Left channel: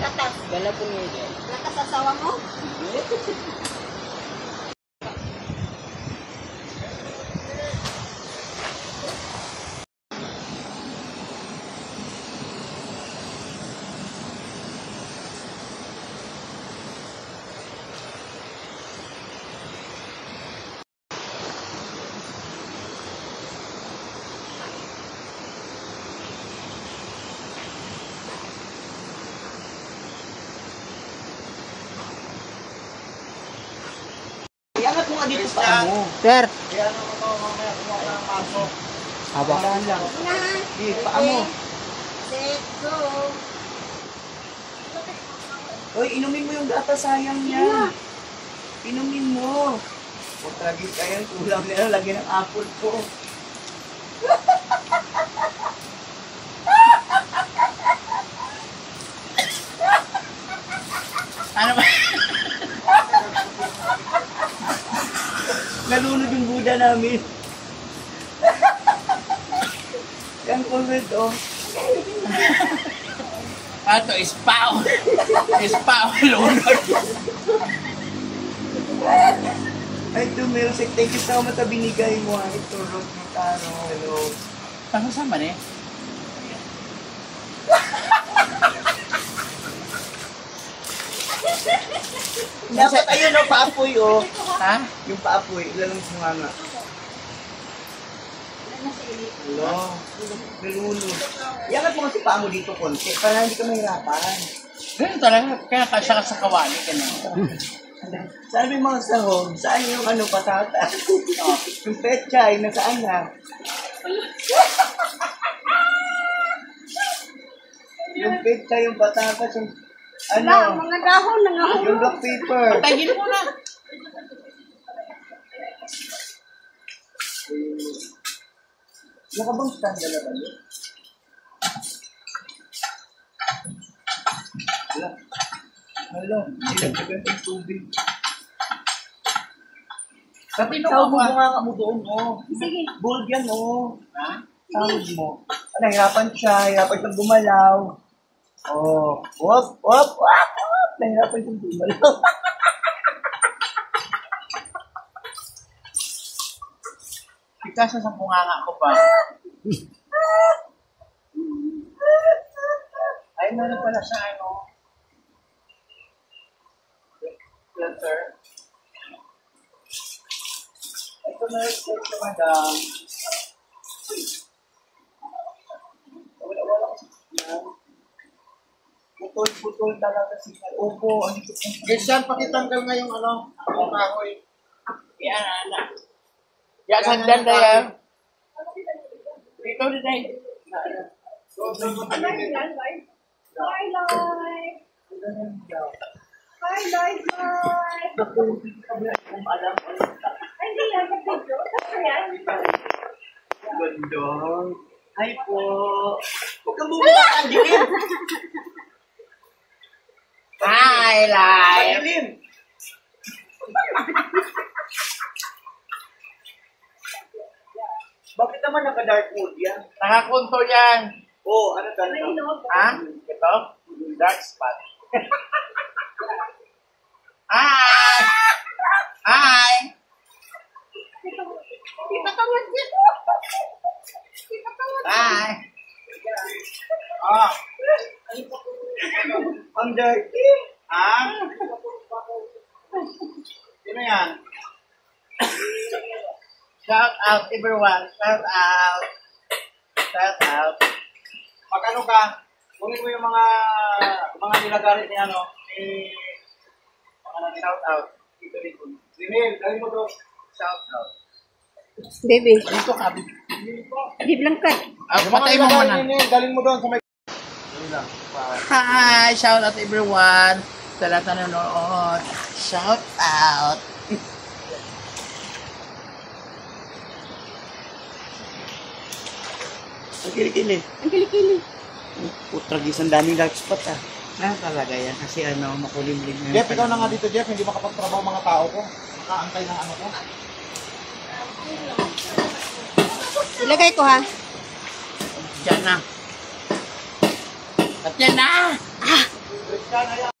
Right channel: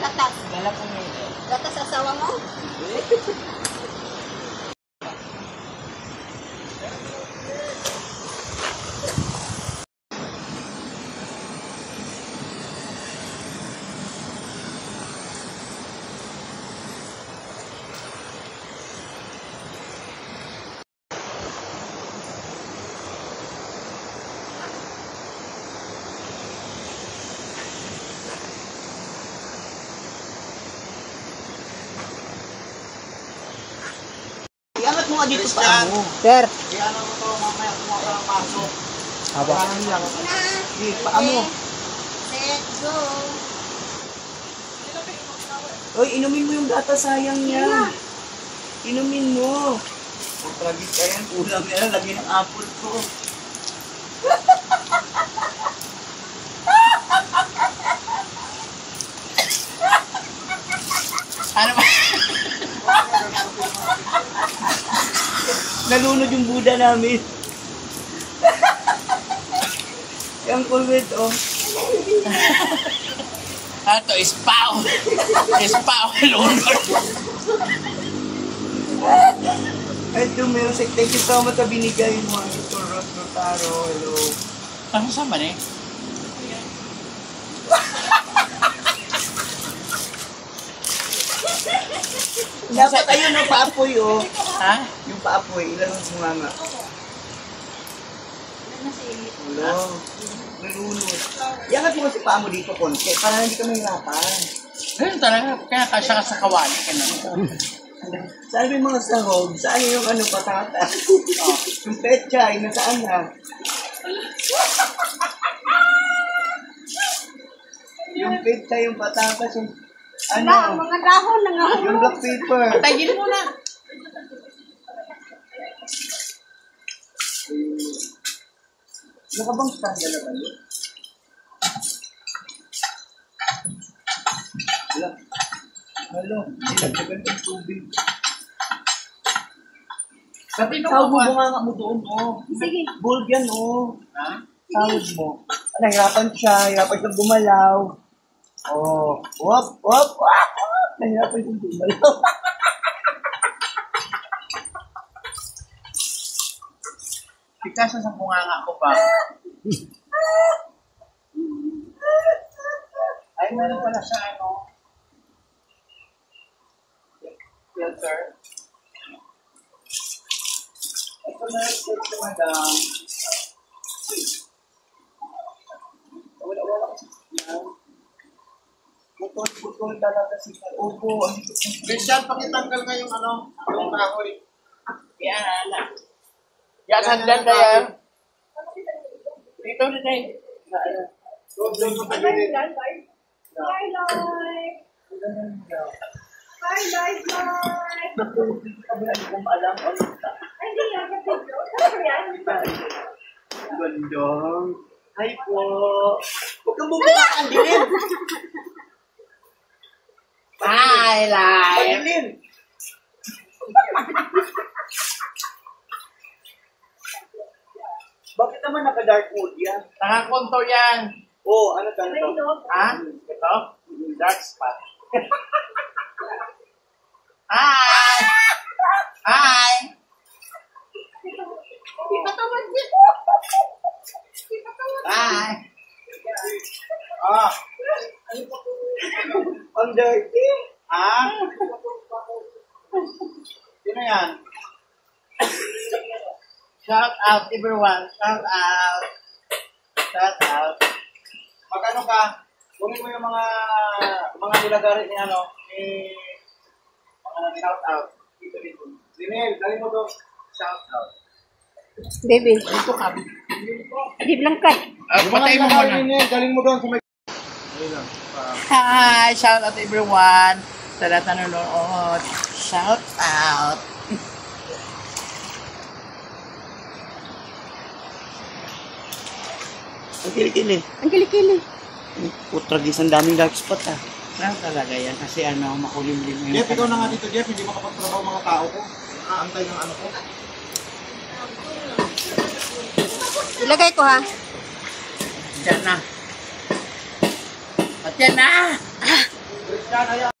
gatas. Dala po nito. Gatas asawa mo? Iangat mo nga dito pa mo. Sir. Kaya naman ito mamaya kumakain ang paso. Haba. lang. Na. Di, paa mo. Set, go. Oy, inumin mo yung gata, sayang yan. Inumin mo. Huwag tragis ka yan, kulang yan. Lagi ng apple ko. Ano ba? Nalunod yung Buddha namin. Yung COVID, oh. Ato, ispaw. Ispaw, lunod. Ay, Dumelsic, thank you so much sa binigay mo. Ito, Rod Notaro, hello. Ano sa man eh? Dapat ayun, no, paapoy, oh. Ha? Yung paapoy, ilan ang sumama? Hello. Nilunod. Iangat mo kasi paa mo dito, konti, para hindi ka mahirapan. Ganun talaga. Kaya kasya ka sa kawali ka na. Saan yung mga sahog? Saan yung ano, patata? Yung pechay, nasaan na? Yung pechay, yung patatas, yung Wala, ano? mga dahon, Yung nangahulog. black paper. Tagin mo na. Nakabang stand na ba yun? Wala. Hello. Nilagyan ng tubig. Pati nung Tawag mo ako. nga mo doon, oh. Sige. Bold yan, oh. Ha? Tawag mo. Ano, hirapan siya. Hirapan siyang gumalaw. Oh. Wop, wop, wop, wop. Nahirapan siyang gumalaw. Pikasa sa bunganga ko pa. Ay, meron pala sa ano. Filter. Ito na rin sa madam. Wala kasi yan. Putol talaga si Opo. Christian, pakitanggal nga yung ano, yung kahoy. Yan, anak. Yan, hagdan tayo. Dito, dito. Gandong. Hi po. Huwag kang bumaba ang dilim. Hi, live. Dilim. Bakit naman naka-dark mode yan? Nakakonto yan. Oo, ano talaga? Ha? Ito? Dark spot. Hi! Hi! Hi! Ah, Ang dirty. ha? Sino yan? Shout out everyone. Shout out. Shout out. Magano ka? Kunin mo yung mga nilagarit ni ano, ni mga shout out. Dito dito. Rimel, dali mo to. Shout out. Baby. Dito ka. Di Blancat. Patay mo muna. Galing mo doon sa may... Hi! Shout out everyone. Sa lahat na nanonood. Shout out. Ang kilikili. Ang kilikili. Putragis, ang daming dark spot ah. Ano talaga yan? Kasi ano, makulimlim yung... Jeff, ikaw na nga dito, Jeff. Hindi makapagtrabaho mga tao ko. Nakaantay ng ano ko. Ilagay ko ha. Diyan na. At yan na! Yan, ayan.